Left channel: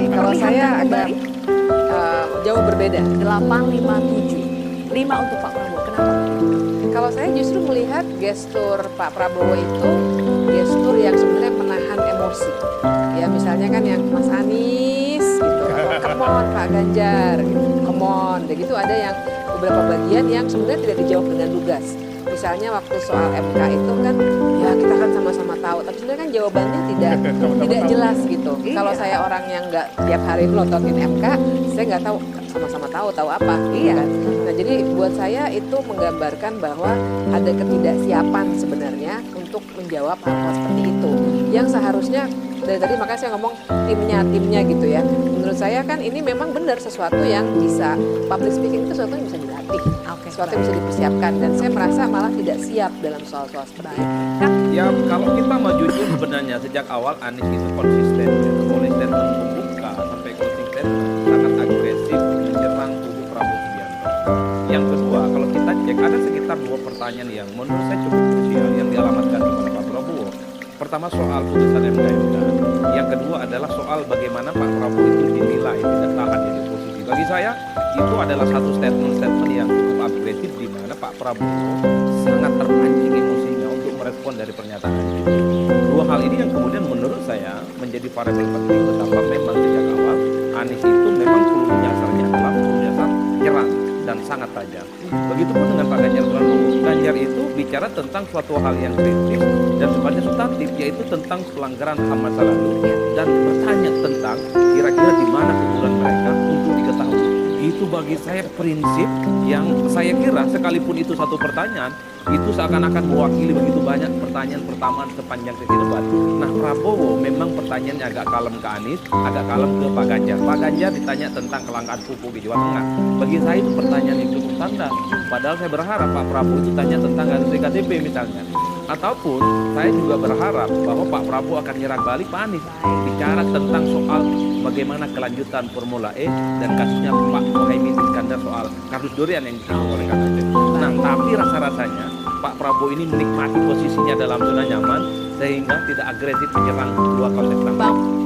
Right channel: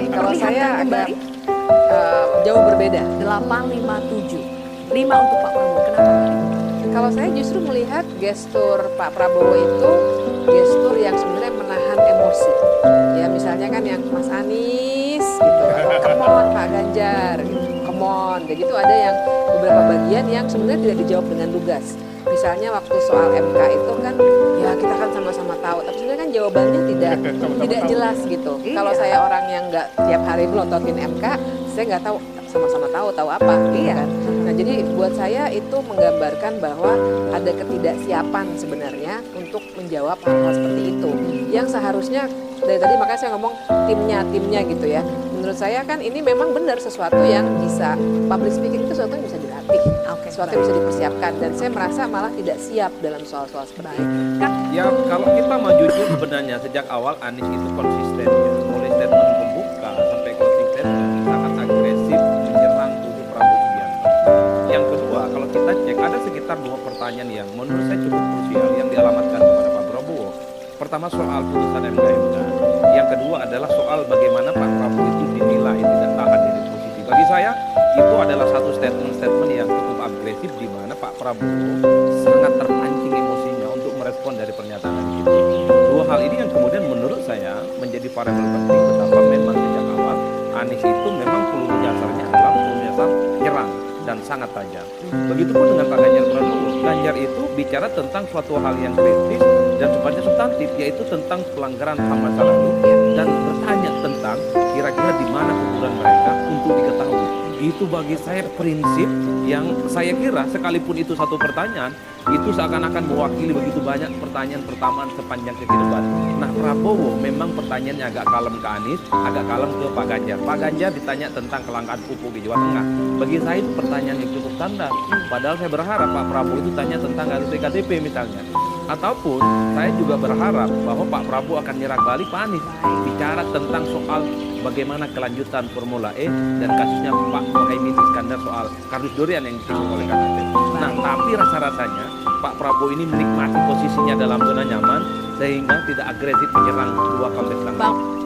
Baik, kalau saya Perlihatkan agak kembali. jauh berbeda. 857. 5 untuk Pak Prabowo. Kenapa Mbak Titi? Kalau saya justru melihat gestur Pak Prabowo itu gestur yang sebenarnya menahan emosi. Ya misalnya kan yang Mas Anies gitu, atau come on Pak Ganjar gitu, come on. Dan gitu ada yang beberapa bagian yang sebenarnya tidak dijawab dengan lugas. Misalnya waktu soal MK itu kan ya kita kan sama-sama tahu, tapi sebenarnya kan jawabannya tidak jelas gitu. Iya. Kalau saya orang yang nggak tiap hari melontotin MK, saya nggak tahu sama-sama tahu apa gitu Iya. kan. Nah jadi buat saya itu menggambarkan bahwa ada ketidaksiapan sebenarnya untuk menjawab hal-hal seperti itu. Yang seharusnya dari tadi makanya saya ngomong timnya gitu ya. Menurut saya kan ini memang benar sesuatu yang bisa, public speaking itu sesuatu yang bisa dilatih. Oke, Sesuatu yang bisa dipersiapkan dan saya merasa malah tidak siap dalam soal-soal seperti itu. Kang, Ya kalau kita mau jujur sebenarnya sejak awal Anies itu konsisten ya. Mulai statement pembuka sampai closing statement sangat agresif menyerang kubu Prabowo Subianto. Yang kedua kalau kita cek ada sekitar 2 pertanyaan yang menurut saya cukup krusial yang dialamatkan kepada Pak Prabowo. Pertama soal putusan MK. Yang kedua adalah soal bagaimana Pak Prabowo itu dinilai tidak tahan dari oposisi. Bagi saya itu adalah satu statement yang cukup agresif di mana Pak Prabowo sangat terpancing emosinya untuk merespon dari pernyataan itu. 2 hal ini yang kemudian menurut saya menjadi variabel penting betapa memang sejak awal Anies itu memang peluru nyasarnya adalah peluru nyasar nyerang dan sangat tajam. Begitupun dengan Pak Ganjar Pranowo. Ganjar itu bicara tentang suatu hal yang kritis dan sifatnya substantif, yaitu tentang pelanggaran HAM masa lalu dan bertanya tentang kira-kira di mana kuburan mereka untuk diketahui. Itu bagi saya prinsip yang saya kira sekalipun itu satu pertanyaan, itu seakan-akan mewakili begitu banyak pertanyaan pertamaan sepanjang sesi debat. Nah Prabowo memang pertanyaannya agak kalem ke Anies, agak kalem ke Pak Ganjar. Pak Ganjar ditanya tentang kelangkaan pupuk di Jawa Tengah. Bagi saya itu pertanyaan yang cukup standar. Padahal saya berharap Pak Prabowo itu tanya tentang kasus iktp misalnya. Ataupun saya juga berharap bahwa Pak Prabowo akan nyerang balik Pak Anies. Bicara tentang soal bagaimana kelanjutan Formula E dan kasusnya Pak Muhaimin Iskandar soal kardus durian yang disinggung oleh Kang Aceh. Nah, tapi rasa-rasanya Pak Prabowo ini menikmati posisinya dalam zona nyaman sehingga tidak agresif menyerang dua konteks langsung.